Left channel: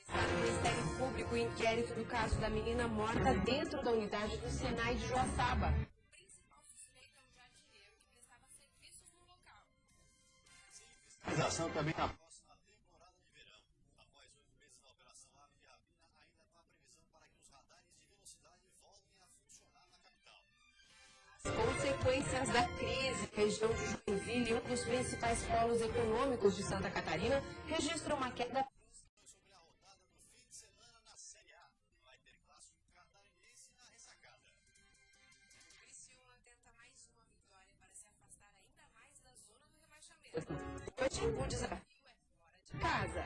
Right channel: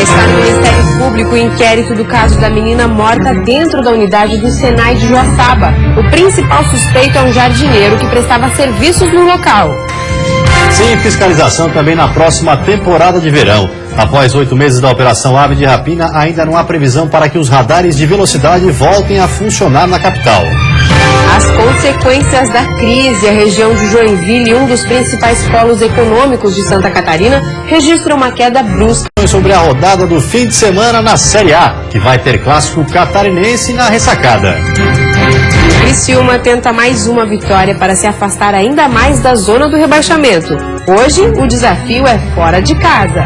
Já está no Ministério Público o inquérito do caso da menina morta dentro da unidade do Senai de Joaçaba. O principal suspeito é um jardineiro que prestava serviços no local. Sem fiscalização também na próxima temporada de verão. Após 8 meses da Operação Ave de Rapina, ainda não há previsão para que os radares de velocidade voltem a funcionar na capital. As consequências da crise, a região de Joinville, um dos principais polos econômicos de Santa Catarina, registra uma queda brusca. Sobre a rodada do fim de semana na Série A, que vai ter clássico catarinense na ressacada. Criciúma tenta mais uma vitória para se afastar ainda mais da zona do rebaixamento. Hoje, o desafio é fora de casa.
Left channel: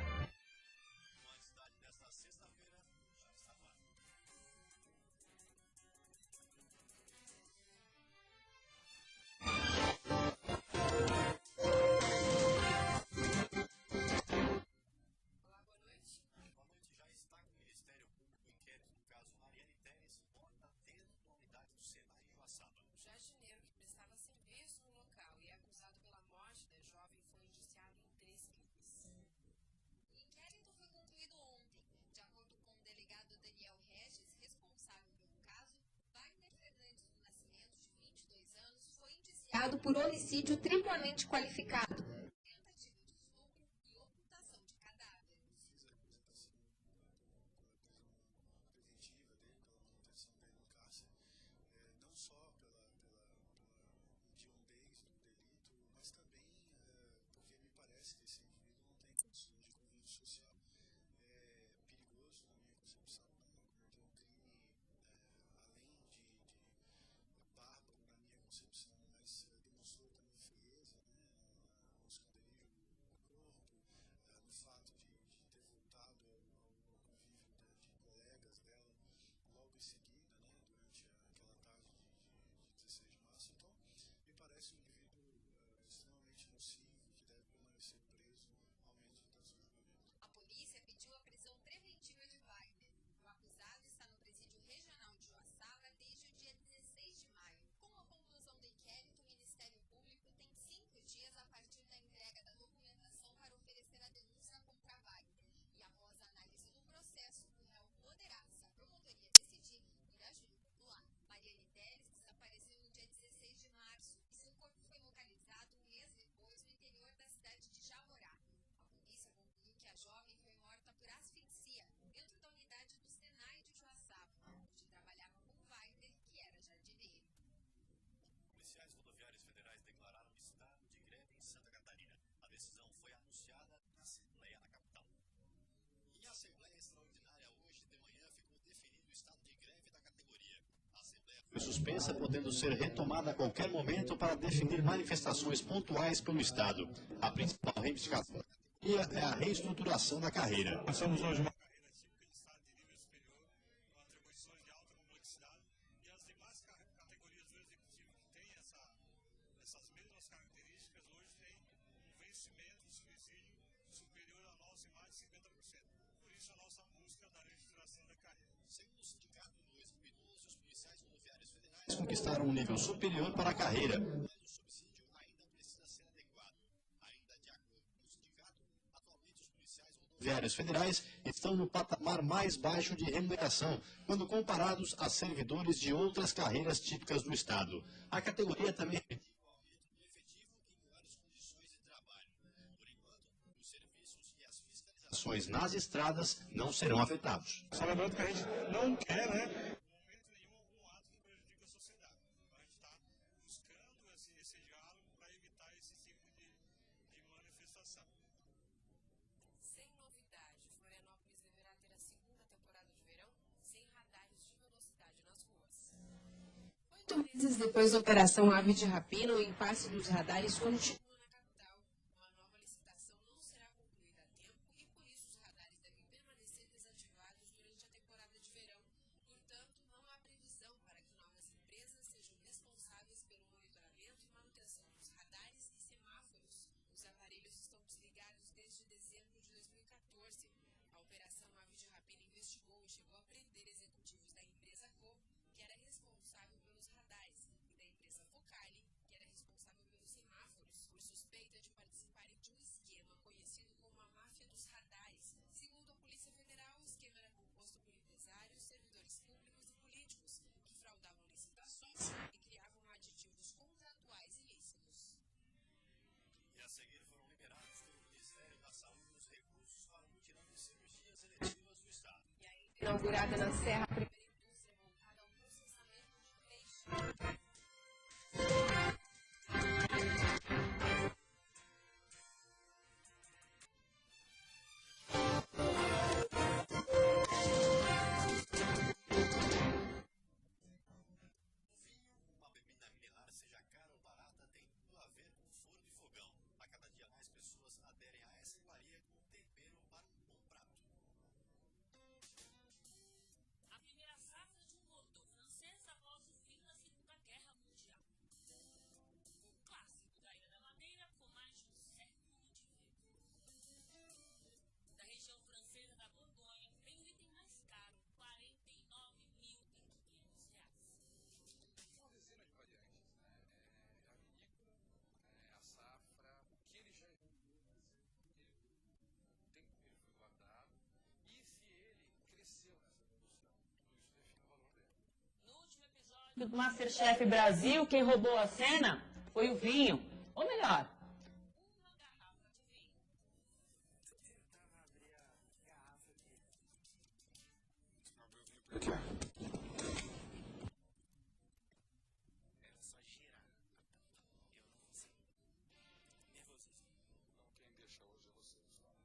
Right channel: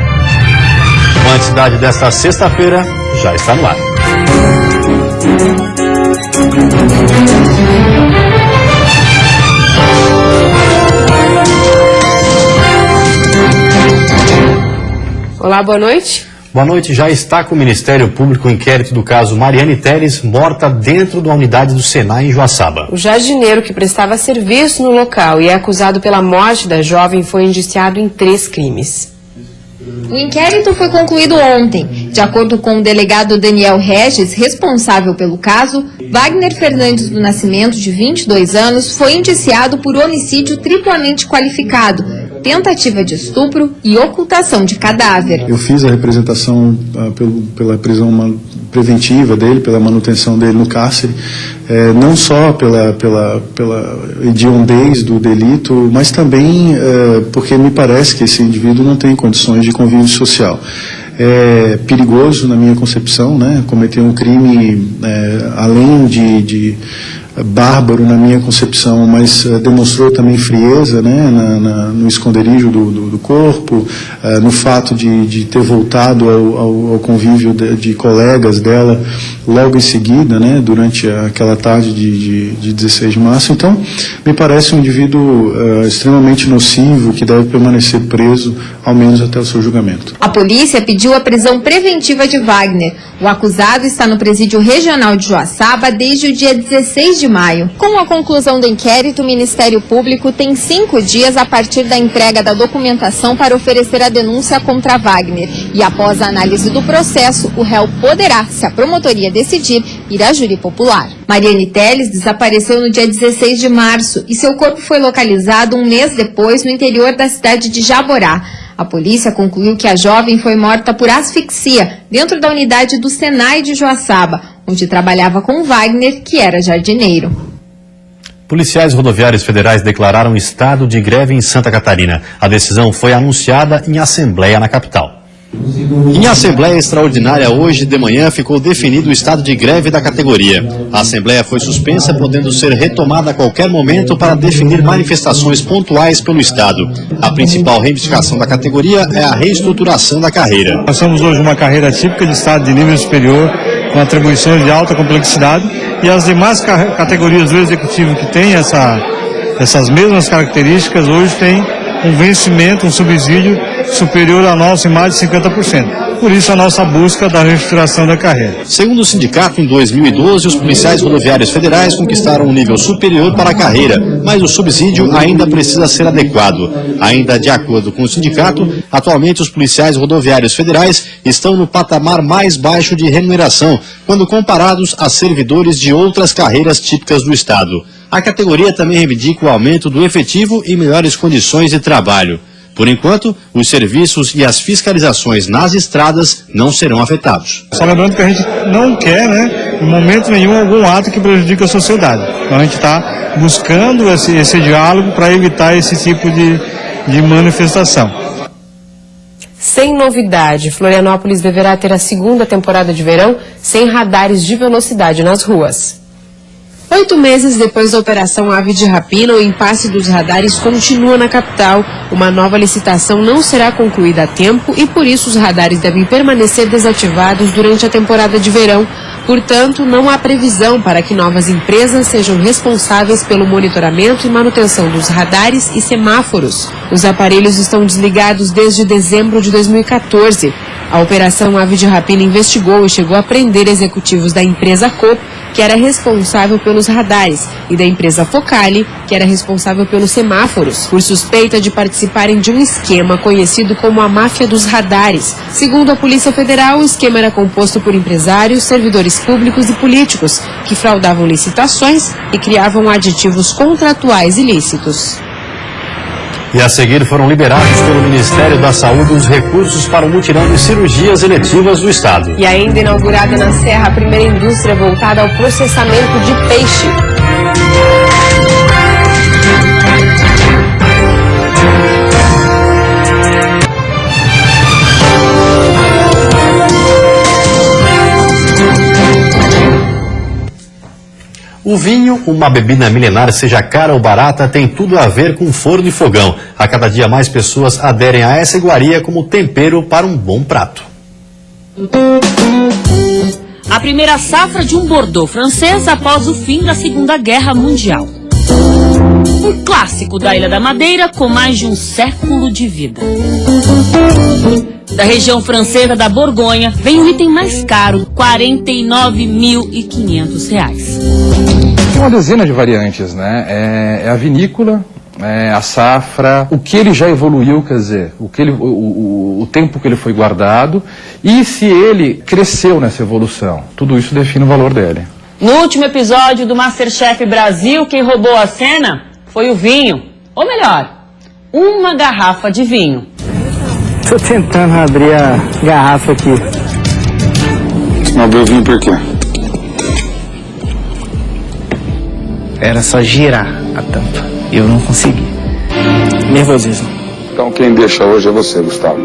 O Anticidade desta sexta-feira já está no ar. Olá, boa noite. Boa noite. Já está com o Ministério Público o inquérito do caso Mariane Teles, morta dentro da unidade do Senai em Joaçaba. O jardineiro que prestava serviço no local e é acusado pela morte da jovem foi indiciado em 3 crimes. O inquérito foi concluído ontem. De acordo com o delegado Daniel Regis, responsável pelo caso, Wagner Fernandes do Nascimento, de 22 anos, foi indiciado por homicídio triplamente qualificado, tentativa de estupro e ocultação de cadáver. Eu fiz a representação pela prisão preventiva dele, pela manutenção dele no cárcere, não só pela hediondez do delito, mas também porque me parece que esse indivíduo não tem condições de convívio social. É perigoso, na minha concepção, né, cometer um crime além de bárbaro na minha concepção, mas demonstrou também frieza, né, no esconderijo do corpo, no fato de ter voltado ao convívio de colegas dela logo em seguida, né, durante aquela tarde de 16 de março. Então, me parece um indivíduo extremamente nocivo que deve permanecer preso, ao menos até o seu julgamento. A polícia pediu a prisão preventiva de Wagner. O acusado está no presídio regional de Joaçaba desde o dia 16 de maio. Com a conclusão do inquérito, o Ministério Público tem 5 dias a partir da entrega da documentação para oferecer a denúncia contra Wagner. E após a análise do processo, o réu poderá, se a promotoria decidir, ir à júri popular. Mariane Teles desapareceu no dia 16 de março e seu corpo foi localizado um mês depois no interior da cidade de Jaborá. A polícia concluiu que a jovem foi morta por asfixia dentro da unidade do Senai de Joaçaba, onde trabalhava com Wagner, que era jardineiro. Policiais rodoviários federais declararam estado de greve em Santa Catarina. A decisão foi anunciada em assembleia na capital. Em assembleia extraordinária hoje de manhã ficou definido o estado de greve da categoria. A assembleia foi suspensa, podendo ser retomada a qualquer momento para definir manifestações pontuais pelo estado. A principal reivindicação da categoria é a reestruturação da carreira. Nós somos hoje uma carreira típica de estado de nível superior, com atribuições de alta complexidade, e as demais categorias do executivo que têm essas mesmas características hoje têm um vencimento, um subsídio superior ao nosso em mais de 50%. Por isso a nossa busca da reestruturação da carreira. Segundo o sindicato, em 2012, os policiais rodoviários federais conquistaram um nível superior para a carreira, mas o subsídio ainda precisa ser adequado. Ainda de acordo com o sindicato, atualmente os policiais rodoviários federais estão no patamar mais baixo de remuneração, quando comparados a servidores de outras carreiras típicas do estado. A categoria também reivindica o aumento do efetivo e melhores condições de trabalho. Por enquanto, os serviços e as fiscalizações nas estradas não serão afetados. Só lembrando que a gente não quer, em momento nenhum, algum ato que prejudique a sociedade. Então a gente está buscando esse diálogo para evitar esse tipo de manifestação. Sem novidade, Florianópolis deverá ter a segunda temporada de verão sem radares de velocidade nas ruas. 8 meses depois da Operação Ave de Rapina, o impasse dos radares continua na capital. Uma nova licitação não será concluída a tempo e, por isso, os radares devem permanecer desativados durante a temporada de verão. Portanto, não há previsão para que novas empresas sejam responsáveis pelo monitoramento e manutenção dos radares e semáforos. Os aparelhos estão desligados desde dezembro de 2014. A Operação Ave de Rapina investigou e chegou a prender executivos da empresa Coop, que era responsável pelos radares, e da empresa Focali, que era responsável pelos semáforos, por suspeita de participarem de um esquema conhecido como a máfia dos radares. Segundo a Polícia Federal, o esquema era composto por empresários, servidores públicos e políticos, que fraudavam licitações e criavam aditivos contratuais ilícitos. E a seguir foram liberados pelo Ministério da Saúde os recursos para o mutirão de cirurgias eletivas do Estado. E ainda inaugurada na Serra a primeira indústria voltada ao processamento de peixe. O vinho, uma bebida milenar, seja cara ou barata, tem tudo a ver com forno e fogão. A cada dia mais pessoas aderem a essa iguaria como tempero para um bom prato. A primeira safra de um Bordeaux francês após o fim da Segunda Guerra Mundial. Um clássico da Ilha da Madeira com mais de um século de vida. Da região francesa da Borgonha, vem o item mais caro, R$ 49.500. Uma dezena de variantes, né? É a vinícola, a safra, o que ele já evoluiu, quer dizer, o tempo que ele foi guardado e se ele cresceu nessa evolução. Tudo isso define o valor dele. No último episódio do MasterChef Brasil, quem roubou a cena foi o vinho. Ou melhor, uma garrafa de vinho. Estou tentando abrir a garrafa aqui. Não abriu o vinho por quê? Era só girar a tampa. Eu não consegui. Nervosismo. Então quem deixa hoje é você, Gustavo.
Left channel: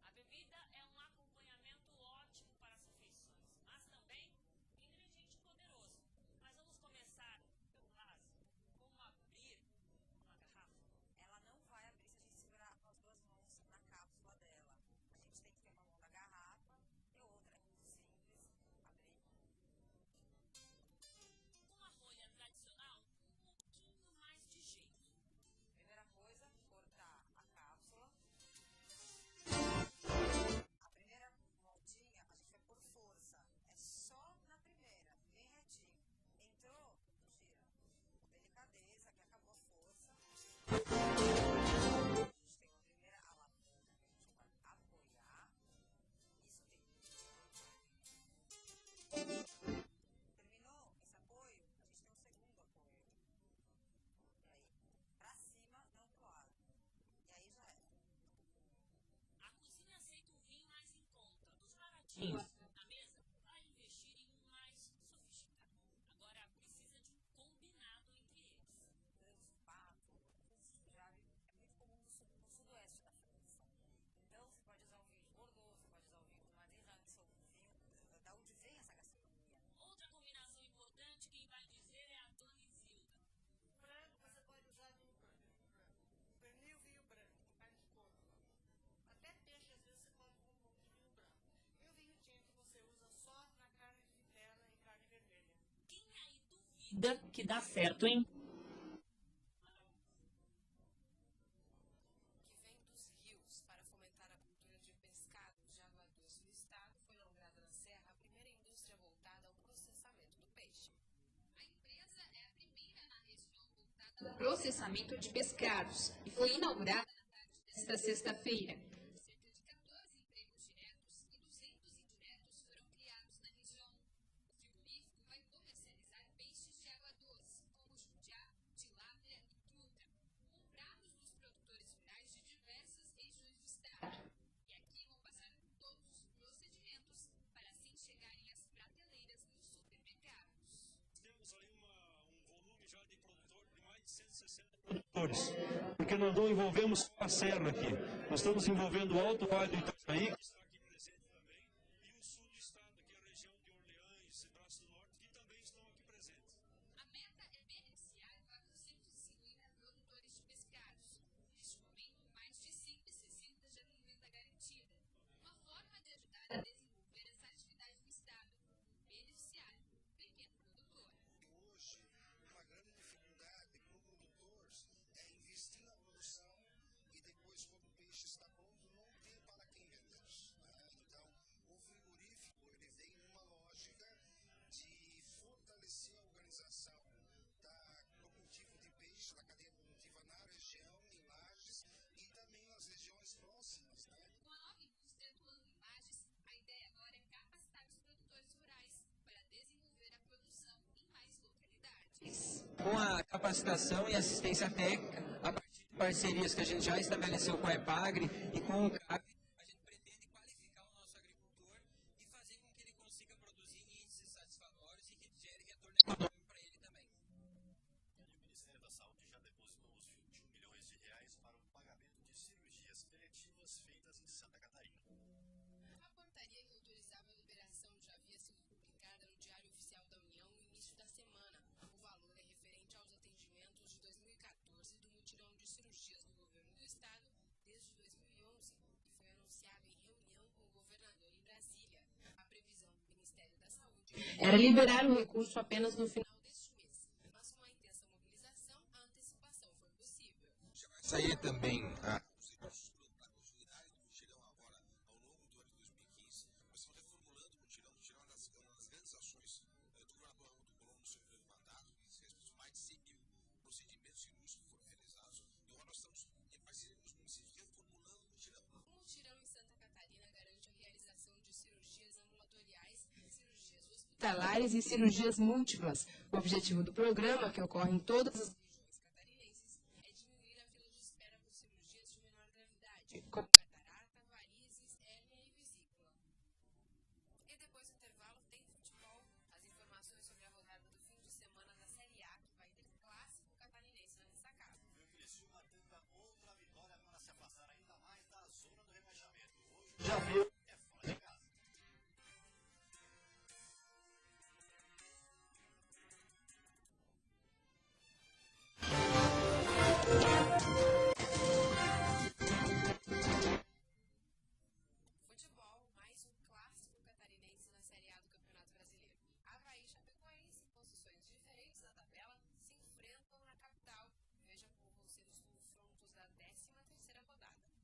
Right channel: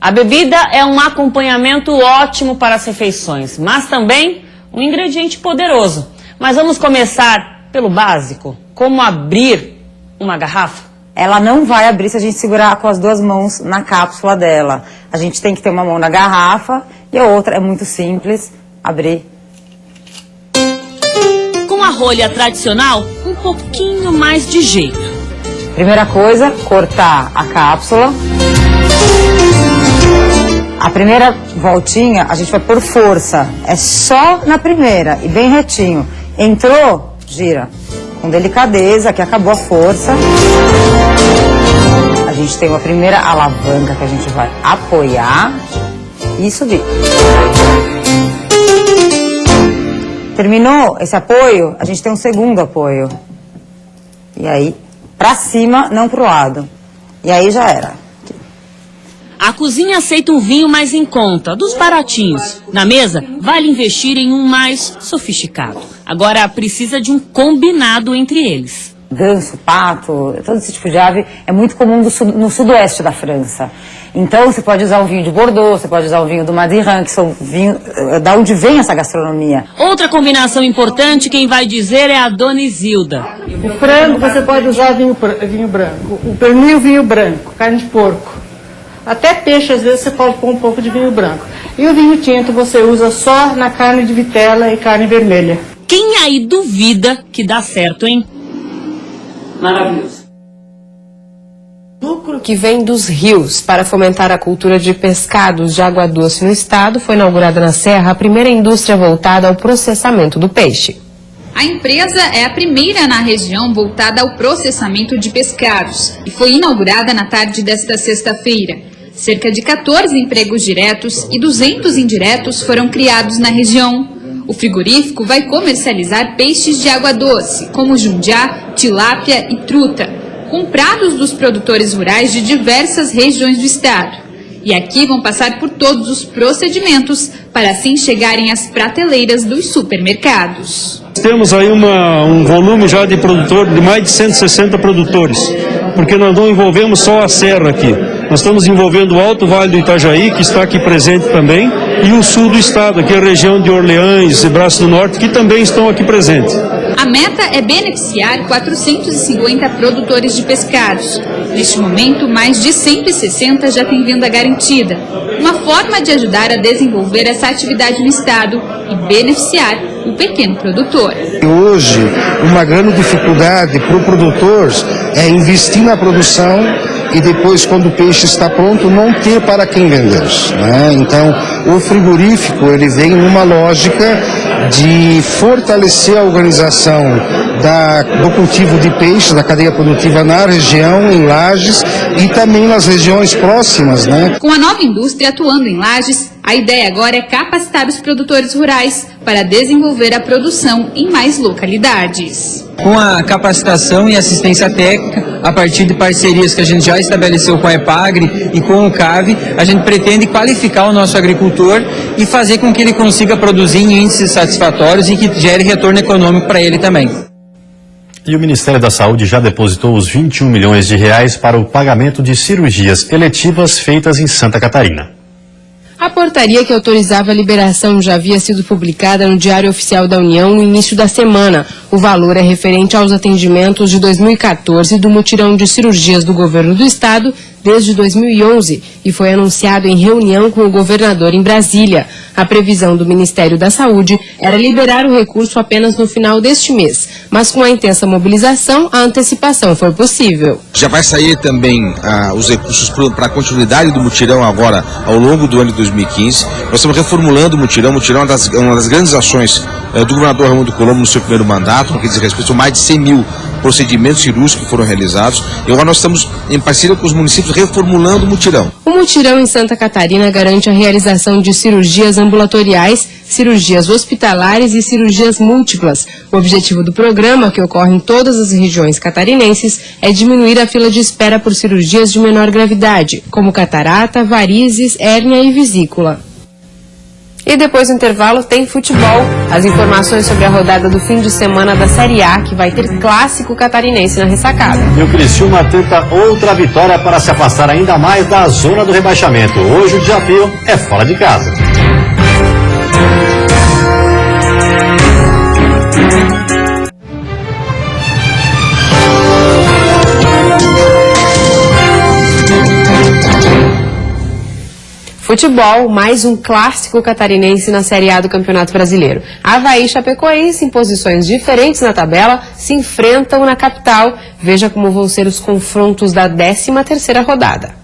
A bebida é um acompanhamento ótimo para as refeições, mas também um ingrediente poderoso. Mas vamos começar pelo básico. Como abrir uma garrafa? Ela não vai abrir se a gente segurar com as duas mãos na cápsula dela. A gente tem que ter uma mão na garrafa e a outra é muito simples, abrir. Com a rolha tradicional, um pouquinho mais de jeito. Primeira coisa, cortar a cápsula. A primeira voltinha a gente vai por força. É só na primeira e bem retinho. Entrou, gira. Com delicadeza, que acabou a força. A gente tem uma primeira alavanca que a gente vai apoiar e subir. Terminou esse apoio, a gente tem um segundo apoio. E aí, pra cima, não pro lado. E aí já era. A cozinha aceita um vinho mais em conta, dos baratinhos. Na mesa, vale investir em um mais sofisticado. Agora, precisa de um combinado entre eles. Ganso, pato, todo esse tipo de ave é muito comum no sudoeste da França. Então, você pode usar um vinho de Bordeaux, você pode usar um vinho do Madiran, que são vinhos da onde vem essa gastronomia. Outra combinação importante, quem vai dizer é a Dona Isilda. O frango, você pode usar vinho branco. O pernil, vinho branco, carne de porco. Até peixe, às vezes, você pode pôr um pouco de vinho branco. E o vinho tinto você usa só na carne de vitela e carne vermelha. Quem aí duvida que dá certo, hein? Maravilhoso. Lucro que vem dos rios para fomentar a cultura de pescados de água doce no estado, foi inaugurada na Serra a primeira indústria voltada ao processamento do peixe. A empresa é a primeira na região voltada ao processamento de pescados e foi inaugurada na tarde desta sexta-feira. Cerca de 14 empregos diretos e 200 indiretos foram criados na região. O frigorífico vai comercializar peixes de água doce, como jundiá, tilápia e truta, comprados dos produtores rurais de diversas regiões do estado. E aqui vão passar por todos os procedimentos para assim chegarem às prateleiras dos supermercados. Temos aí um volume já de produtor, de mais de 160 produtores, porque nós não envolvemos só a serra aqui. Nós estamos envolvendo o Alto Vale do Itajaí, que está aqui presente também, e o sul do estado, aqui a região de Orleans e Braço do Norte, que também estão aqui presentes. A meta é beneficiar 450 produtores de pescados. Neste momento, mais de 160 já têm venda garantida. Uma forma de ajudar a desenvolver essa atividade no estado e beneficiar o pequeno produtor. Hoje, uma grande dificuldade para o produtor é investir na produção e depois, quando o peixe está pronto, não ter para quem vender, né? Então, o frigorífico ele vem numa lógica de fortalecer a organização do cultivo de peixe, da cadeia produtiva na região, em Lages e também nas regiões próximas, né? Com a nova indústria atuando em Lages, a ideia agora é capacitar os produtores rurais para desenvolver a produção em mais localidades. Com a capacitação e assistência técnica, a partir de parcerias que a gente já estabeleceu com a EPAGRE e com o CAV, a gente pretende qualificar o nosso agricultor e fazer com que ele consiga produzir em índices satisfatórios e que gere retorno econômico para ele também. E o Ministério da Saúde já depositou os 21 milhões de reais para o pagamento de cirurgias eletivas feitas em Santa Catarina. A portaria que autorizava a liberação já havia sido publicada no Diário Oficial da União no início da semana. O valor é referente aos atendimentos de 2014 do mutirão de cirurgias do governo do estado desde 2011 e foi anunciado em reunião com o governador em Brasília. A previsão do Ministério da Saúde era liberar o recurso apenas no final deste mês, mas com a intensa mobilização, a antecipação foi possível. Já vai sair também os recursos para a continuidade do mutirão agora ao longo do ano de 2015. Nós estamos reformulando o mutirão. O mutirão é uma das grandes ações do governador Raimundo Colombo no seu primeiro mandato, no que diz respeito a mais de 100 mil procedimentos cirúrgicos que foram realizados. E agora nós estamos em parceria com os municípios reformulando o mutirão. O mutirão em Santa Catarina garante a realização de cirurgias ambulatoriais, cirurgias hospitalares e cirurgias múltiplas. O objetivo do programa, que ocorre em todas as regiões catarinenses, é diminuir a fila de espera por cirurgias de menor gravidade, como catarata, varizes, hérnia e vesícula. E depois do intervalo tem futebol. As informações sobre a rodada do fim de semana da Série A, que vai ter clássico catarinense na ressacada. E o Criciúma tenta outra vitória para se afastar ainda mais da zona do rebaixamento. Hoje o desafio é fora de casa. Futebol, mais um clássico catarinense na Série A do Campeonato Brasileiro. Avaí e Chapecoense, em posições diferentes na tabela, se enfrentam na capital. Veja como vão ser os confrontos da 13ª rodada.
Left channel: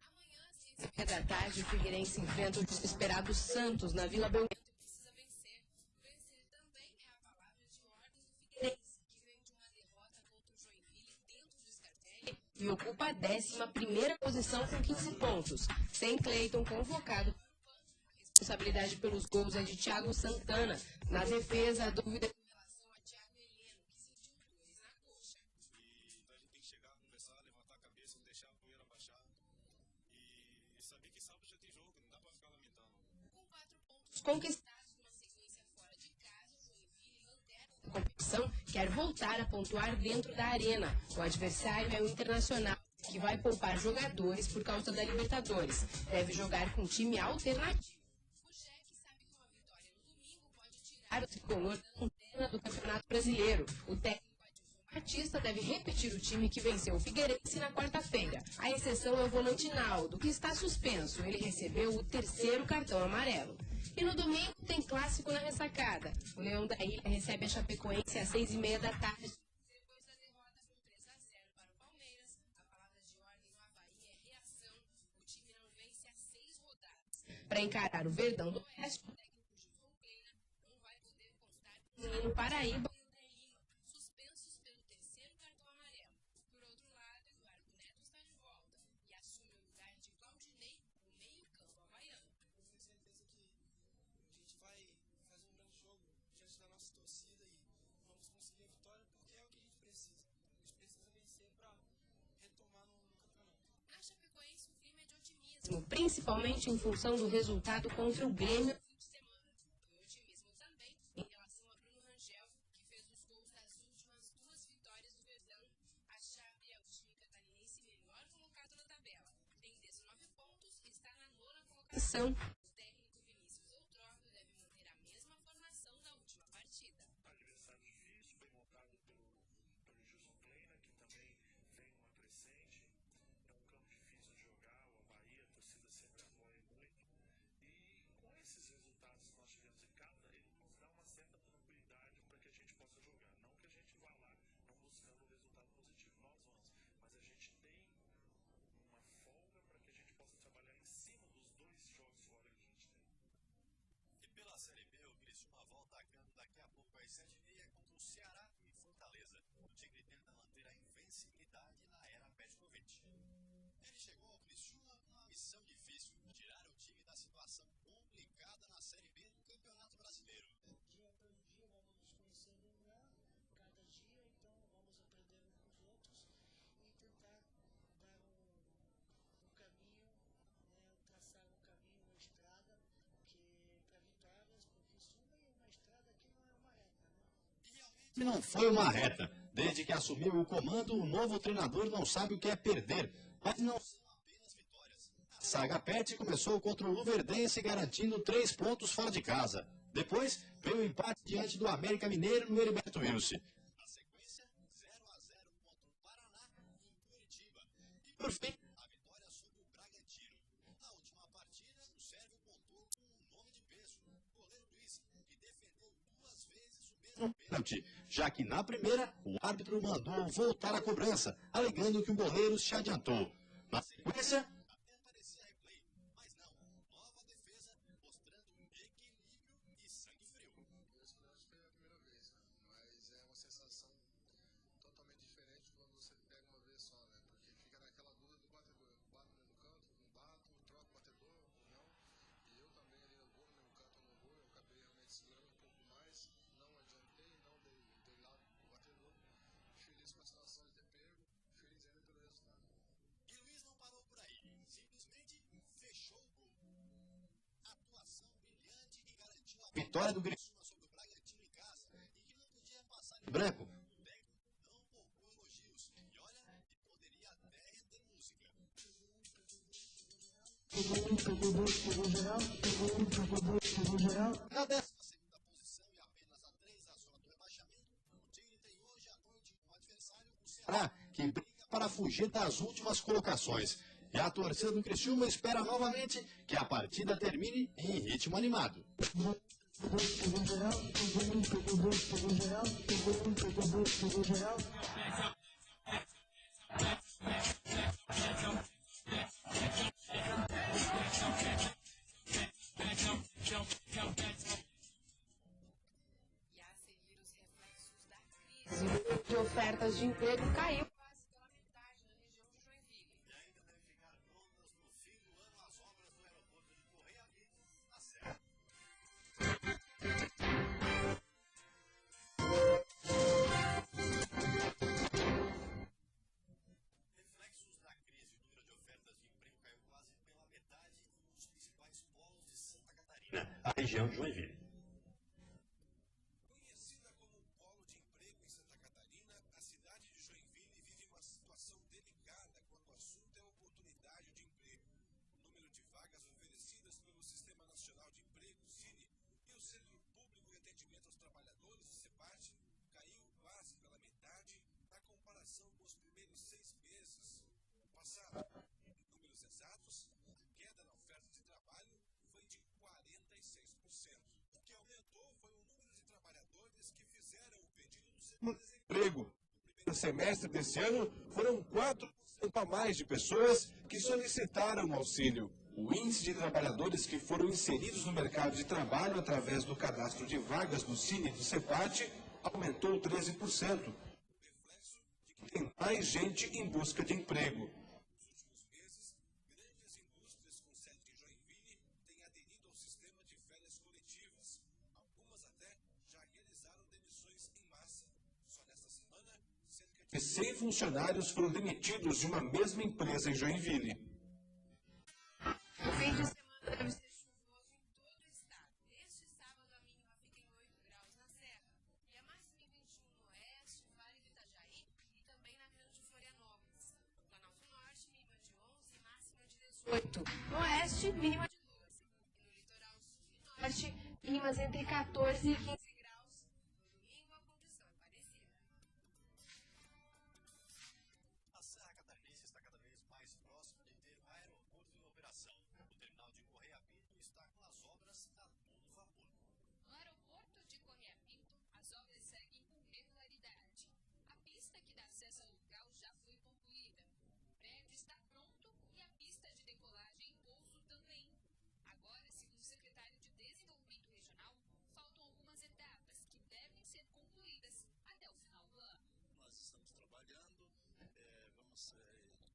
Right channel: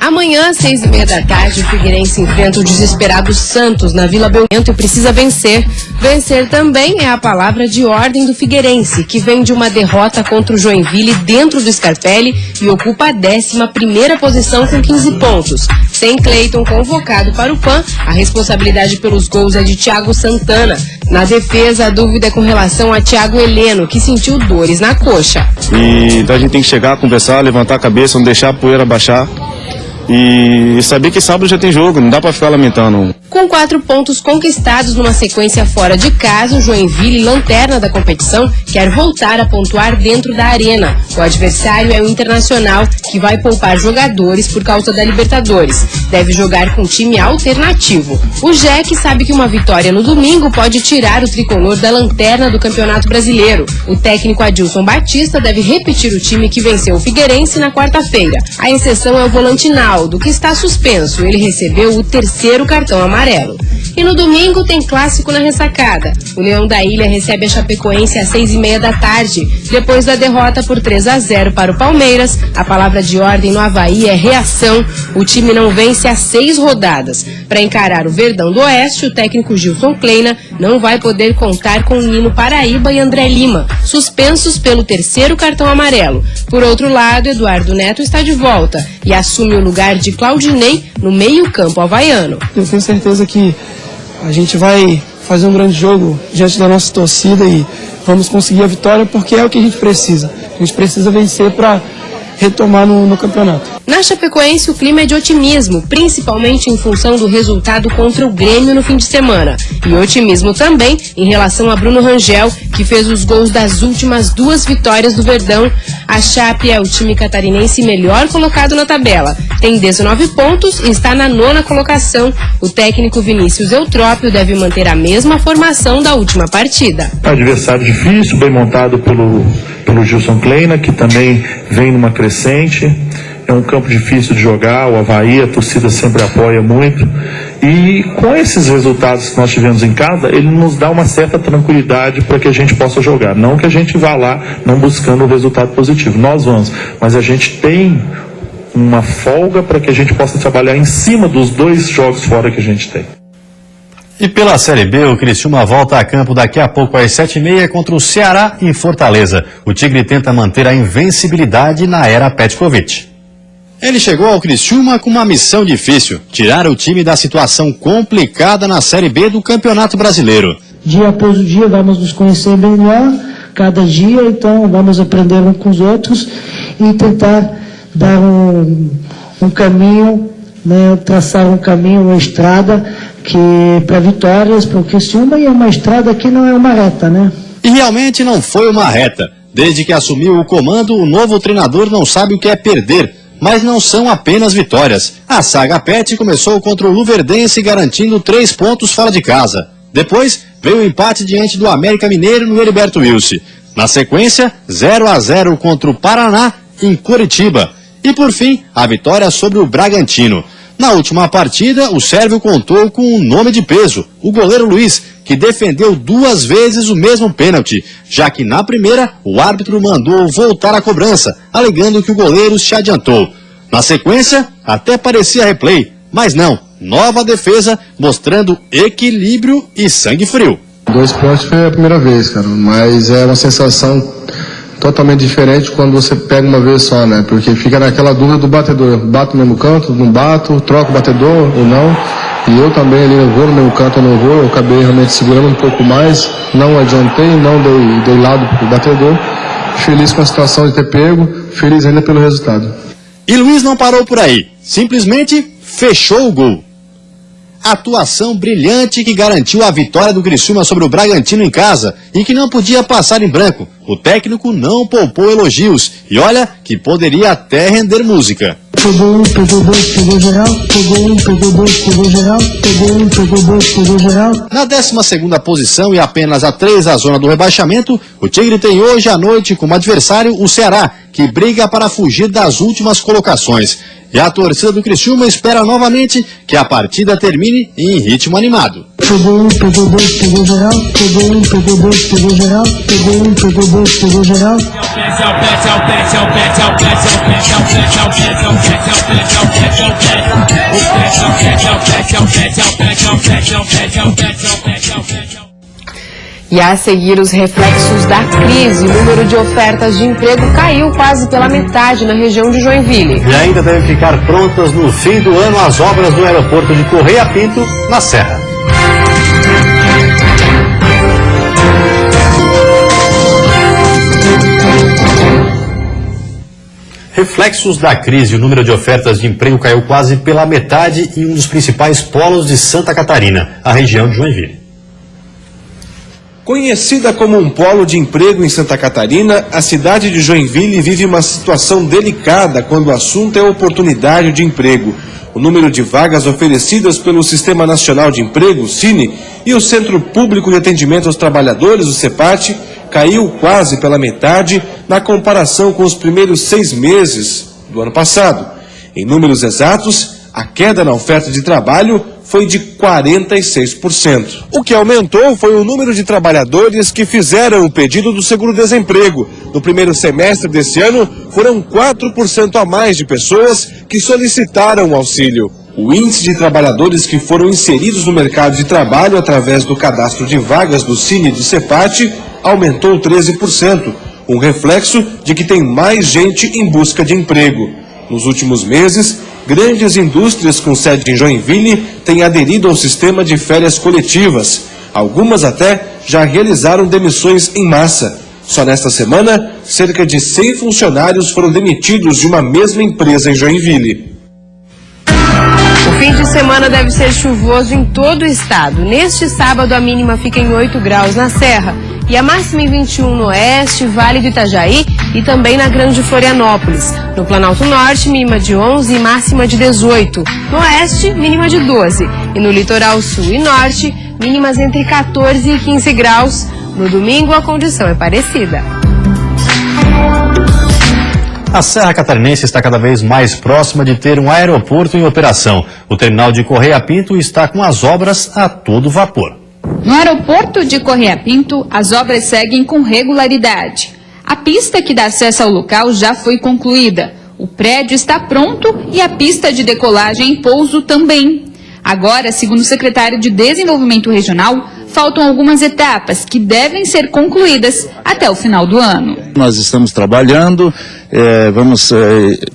Amanhã, às 6h30 da tarde, o Figueirense enfrenta o desesperado Santos na Vila Belmiro e precisa vencer. Vencer também é a palavra de ordem do Figueirense, que vem de uma derrota contra o Joinville dentro do Scarpelli e ocupa a 11ª posição com 15 pontos. Sem Cleiton convocado para o PAN, a responsabilidade pelos gols é de Thiago Santana. Na defesa, a dúvida é com relação a Thiago Heleno, que sentiu dores na coxa. Então a gente tem que chegar, conversar, levantar a cabeça, não deixar a poeira baixar. E saber que sábado já tem jogo, não dá pra ficar lamentando. Com 4 pontos conquistados numa sequência fora de casa, o Joinville, lanterna da competição, quer voltar a pontuar dentro da arena. O adversário é o Internacional, que vai poupar jogadores por causa da Libertadores. Deve jogar com time alternativo. O Jack sabe que uma vitória no domingo pode tirar o tricolor da lanterna do Campeonato Brasileiro. O técnico Adilson Batista deve repetir o time que venceu o Figueirense na quarta-feira. A exceção é o volante Naldo, que está suspenso. Ele recebeu o 3º cartão amarelo. E no domingo tem clássico na ressacada. O Leão da Ilha recebe a Chapecoense às 6h30 da tarde. Depois da derrota por 3-0 para o Palmeiras, a palavra de ordem no Avaí é reação. O time não vence há 6 rodadas. Para encarar o Verdão do Oeste, o técnico Gilson Kleina não vai poder contar com Nino Paraíba e André Lima, suspensos pelo 3º cartão amarelo. Por outro lado, Eduardo Neto está de volta e assume o lugar de Claudinei no meio-campo havaiano. Eu tenho certeza que a gente vai fazer um grande jogo diante da nossa torcida e vamos conseguir a vitória porque é o que a gente precisa. A gente precisa vencer para retomar no campeonato. Na Chapecoense, o clima é de otimismo, principalmente em função do resultado contra o Grêmio no fim de semana. E otimismo também em relação a Bruno Rangel, que fez os gols das últimas 2 vitórias do Verdão. A Chape é o time catarinense melhor colocado na tabela. Tem 19 pontos e está na 9ª colocação. O técnico Vinícius Eutrópio deve manter a mesma formação da última partida. Adversário difícil, bem montado pelo pelo Gilson Kleina, que também vem numa crescente. É um campo difícil de jogar, o Avaí, a torcida sempre apoia muito. E com esses resultados que nós tivemos em casa, ele nos dá uma certa tranquilidade para que a gente possa jogar. Não que a gente vá lá não buscando o resultado positivo, nós vamos, mas a gente tem uma folga para que a gente possa trabalhar em cima dos 2 jogos fora que a gente tem. E pela Série B, o Criciúma volta a campo daqui a pouco às 7h30 contra o Ceará em Fortaleza. O Tigre tenta manter a invencibilidade na era Petkovic. Ele chegou ao Criciúma com uma missão difícil, tirar o time da situação complicada na Série B do Campeonato Brasileiro. Dia após dia vamos nos conhecer melhor, cada dia, então vamos aprender uns com os outros e tentar dar um caminho, né, traçar um caminho, uma estrada que para vitórias, para o Criciúma, e é uma estrada que não é uma reta, né? E realmente não foi uma reta. Desde que assumiu o comando, o novo treinador não sabe o que é perder. Mas não são apenas vitórias. A saga Pet começou contra o Luverdense, garantindo 3 pontos fora de casa. Depois veio o empate diante do América Mineiro no Heriberto Wilson. Na sequência, 0-0 contra o Paraná em Curitiba. E por fim, a vitória sobre o Bragantino. Na última partida, o sérvio contou com um nome de peso, o goleiro Luiz, que defendeu 2 vezes o mesmo pênalti, já que na primeira o árbitro mandou voltar a cobrança, alegando que o goleiro se adiantou. Na sequência, até parecia replay, mas não, nova defesa mostrando equilíbrio e sangue frio. 2 pontos foi a primeira vez, cara, mas é uma sensação totalmente diferente quando você pega uma vez só, né? Porque fica naquela dúvida do batedor. Bato no mesmo canto, não bato, troco o batedor ou não. E eu também ali, eu vou no mesmo canto ou não vou. Eu acabei realmente segurando um pouco mais, não adiantei, não dei lado pro batedor. Feliz com a situação de ter pego, feliz ainda pelo resultado. E Luiz não parou por aí, simplesmente fechou o gol. Atuação brilhante que garantiu a vitória do Criciúma sobre o Bragantino em casa e que não podia passar em branco. O técnico não poupou elogios e olha que poderia até render música. Pegou 1, pegou 2, pegou geral, pegou 1, pegou 2, pegou geral, pegou 1, pegou 2, pegou geral. Na 12ª posição e apenas a 3 da zona do rebaixamento, o Tigre tem hoje à noite como adversário o Ceará, que briga para fugir das últimas colocações. E a torcida do Criciúma espera novamente que a partida termine em ritmo animado. Pegou 1, pegou 2, pegou geral, pegou 1, pegou 2, pegou geral, pegou 1, pegou 2, pegou geral. E a seguir, os reflexos da crise. O número de ofertas de emprego caiu quase pela metade na região de Joinville. E ainda devem ficar prontas no fim do ano as obras do aeroporto de Correia Pinto, na Serra. Reflexos da crise. O número de ofertas de emprego caiu quase pela metade em um dos principais polos de Santa Catarina, a região de Joinville. Conhecida como um polo de emprego em Santa Catarina, a cidade de Joinville vive uma situação delicada quando o assunto é oportunidade de emprego. O número de vagas oferecidas pelo Sistema Nacional de Emprego, Cine, e o Centro Público de Atendimento aos Trabalhadores, o CEPAT, caiu quase pela metade na comparação com os primeiros 6 meses do ano passado. Em números exatos, a queda na oferta de trabalho foi de 46%. O que aumentou foi o número de trabalhadores que fizeram o pedido do seguro-desemprego. No primeiro semestre desse ano, foram 4% a mais de pessoas que solicitaram o auxílio. O índice de trabalhadores que foram inseridos no mercado de trabalho através do cadastro de vagas do Cine e do CEPAT aumentou 13%, um reflexo de que tem mais gente em busca de emprego. Nos últimos meses, grandes indústrias com sede em Joinville têm aderido ao sistema de férias coletivas. Algumas até já realizaram demissões em massa. Só nesta semana, cerca de 100 funcionários foram demitidos de uma mesma empresa em Joinville. O fim de semana deve ser chuvoso em todo o estado. Neste sábado, a mínima fica em 8 graus na Serra e a máxima em 21 no Oeste, Vale do Itajaí e também na Grande Florianópolis. No Planalto Norte, mínima de 11 e máxima de 18. No Oeste, mínima de 12. E no Litoral Sul e Norte, mínimas entre 14 e 15 graus. No domingo, a condição é parecida. A Serra Catarinense está cada vez mais próxima de ter um aeroporto em operação. O terminal de Correia Pinto está com as obras a todo vapor. No aeroporto de Correia Pinto, as obras seguem com regularidade. A pista que dá acesso ao local já foi concluída. O prédio está pronto e a pista de decolagem e pouso também. Agora, segundo o secretário de Desenvolvimento Regional, faltam algumas etapas que devem ser concluídas até o final do ano. Nós estamos trabalhando,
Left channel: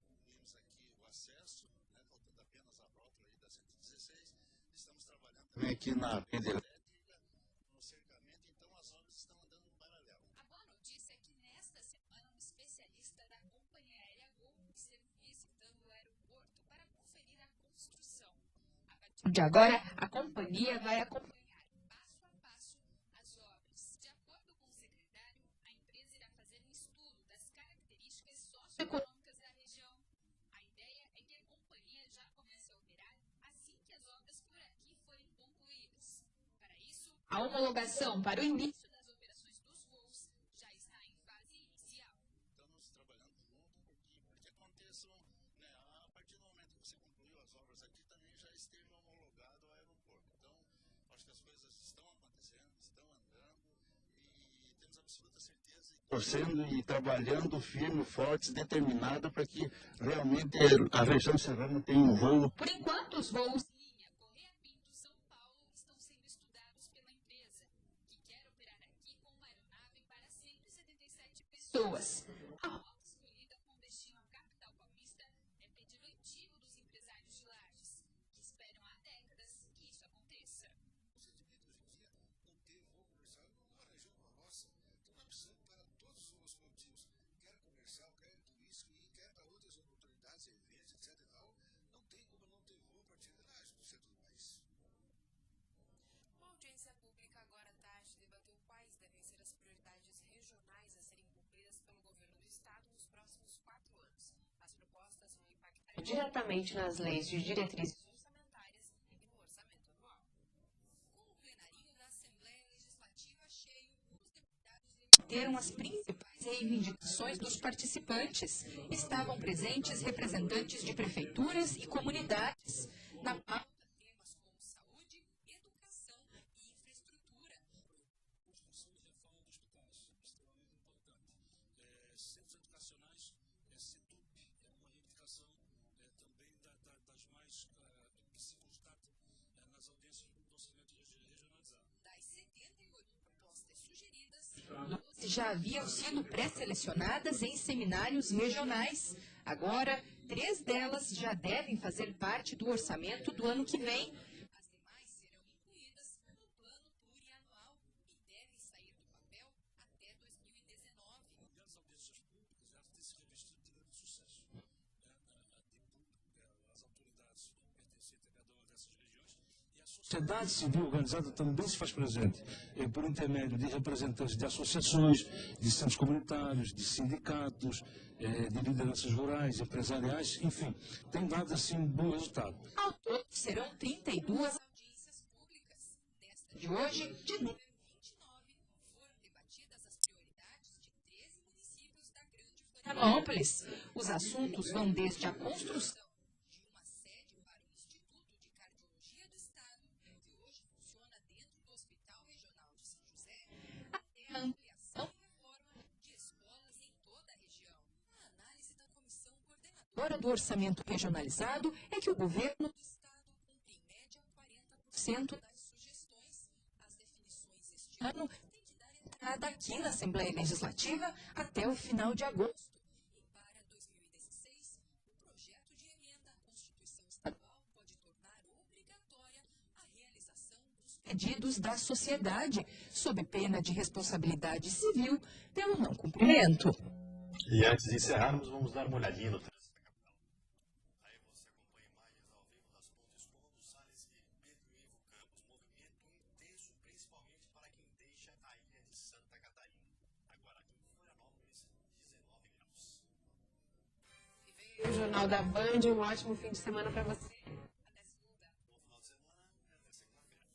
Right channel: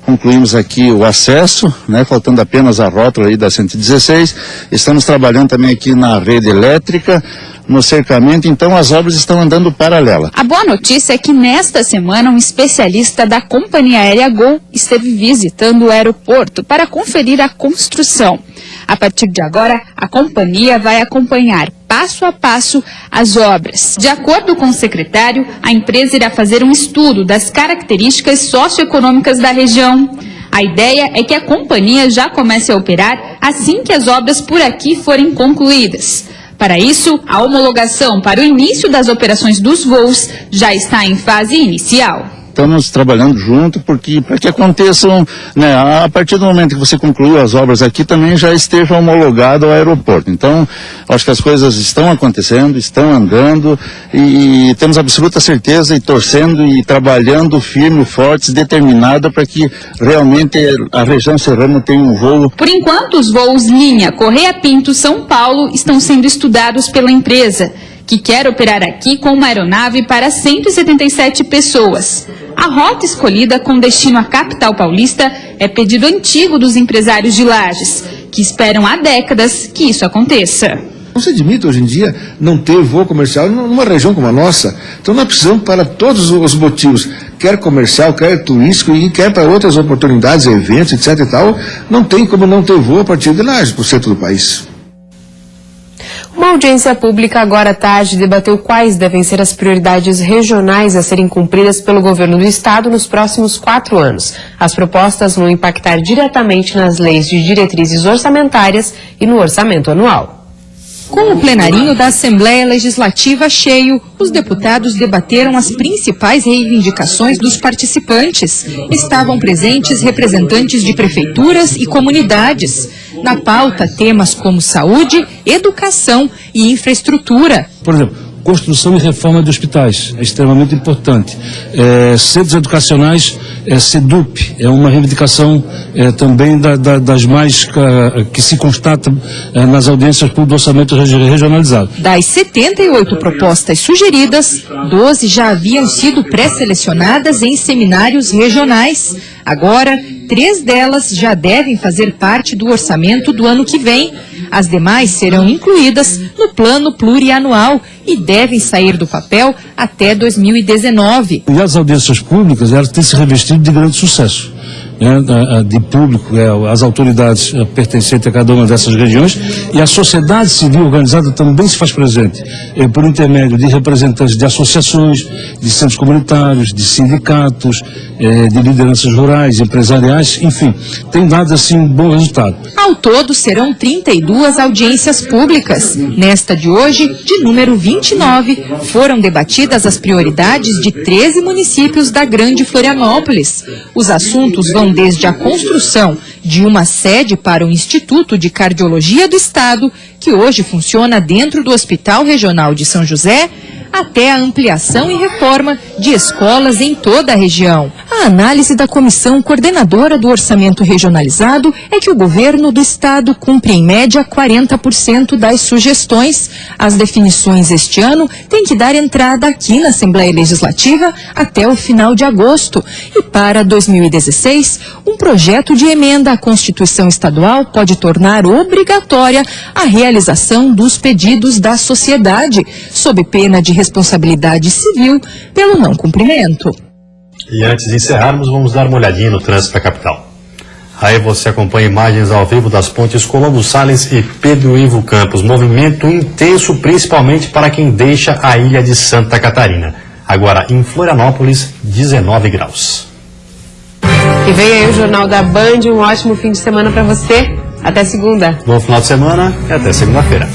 concluímos aqui o acesso, né, faltando apenas a rótula aí da 116. Estamos trabalhando também aqui na rede elétrica, no cercamento, então as obras estão andando paralela. A boa notícia é que nesta semana um especialista da companhia aérea Gol esteve visitando o aeroporto para conferir a construção. A partir de agora, a companhia vai acompanhar passo a passo as obras. De acordo com o secretário, a empresa irá fazer um estudo das características socioeconômicas da região. A ideia é que a companhia já comece a operar assim que as obras por aqui forem concluídas. Para isso, a homologação para o início das operações dos voos já está em fase inicial. Estamos trabalhando junto para que aconteçam, né, a partir do momento que você concluiu as obras aqui, também já esteja homologado ao aeroporto. Então, acho que as coisas estão acontecendo, estão andando e temos absoluta certeza e torcendo e trabalhando firme, fortes, determinada para que realmente a região serrana tenha um voo. Por enquanto, os voos linha Correia Pinto São Paulo estão sendo estudados pela empresa, que quer operar aqui com uma aeronave para 177 pessoas. A rota escolhida com destino à capital paulista é pedido antigo dos empresários de Lages, que esperam há décadas que isso aconteça. Não se admite hoje em dia não ter voo comercial numa região como a nossa. Então nós precisamos, para todos os motivos, quer comercial, quer turístico e quer para outras oportunidades, eventos, etc e tal, não tem como não ter voo a partir de Lages, para o centro do país. Uma audiência pública agora à tarde debateu quais devem ser as prioridades regionais a serem cumpridas pelo governo do estado nos próximos 4 anos. As propostas vão impactar diretamente nas leis de diretrizes orçamentárias e no orçamento anual. Com o plenarinho da Assembleia Legislativa cheio, os deputados debateram as principais reivindicações dos participantes. Estavam presentes representantes de prefeituras e comunidades. Na pauta, temas como saúde, educação e infraestrutura. Por exemplo, construção e reforma de hospitais, é extremamente importante. Centros educacionais, SEDUP, é uma reivindicação também das mais que se constata nas audiências do orçamento regionalizado. Das 78 propostas sugeridas, 12 já haviam sido pré-selecionadas em seminários regionais. Agora, 3 delas já devem fazer parte do orçamento do ano que vem. As demais serão incluídas no plano plurianual e devem sair do papel até 2019. E as audiências públicas, elas têm se revestido de grande sucesso. De público, as autoridades pertencentes a cada uma dessas regiões, e a sociedade civil organizada também se faz presente, por intermédio de representantes de associações, de centros comunitários, de sindicatos, de lideranças rurais, empresariais, enfim, tem dado assim um bom resultado. Ao todo serão 32 audiências públicas. Nesta de hoje, de número 29, foram debatidas as prioridades de 13 municípios da Grande Florianópolis. Os assuntos vão desde a construção de uma sede para o Instituto de Cardiologia do Estado, que hoje funciona dentro do Hospital Regional de São José, até a ampliação e reforma de escolas em toda a região. A análise da comissão coordenadora do orçamento regionalizado é que o governo do estado cumpre em média 40% das sugestões. As definições este ano têm que dar entrada aqui na Assembleia Legislativa até o final de agosto. E para 2016, um projeto de emenda à Constituição Estadual pode tornar obrigatória a realização dos pedidos da sociedade, sob pena de responsabilidade civil pelo não cumprimento. E antes de encerrarmos, vamos dar uma olhadinha no trânsito da capital. Aí você acompanha imagens ao vivo das pontes Colombo Salles e Pedro Ivo Campos. Movimento intenso, principalmente para quem deixa a ilha de Santa Catarina. Agora, em Florianópolis, 19 graus. E vem aí o Jornal da Band. Um ótimo fim de semana para você. Até segunda. Bom final de semana e até segunda-feira.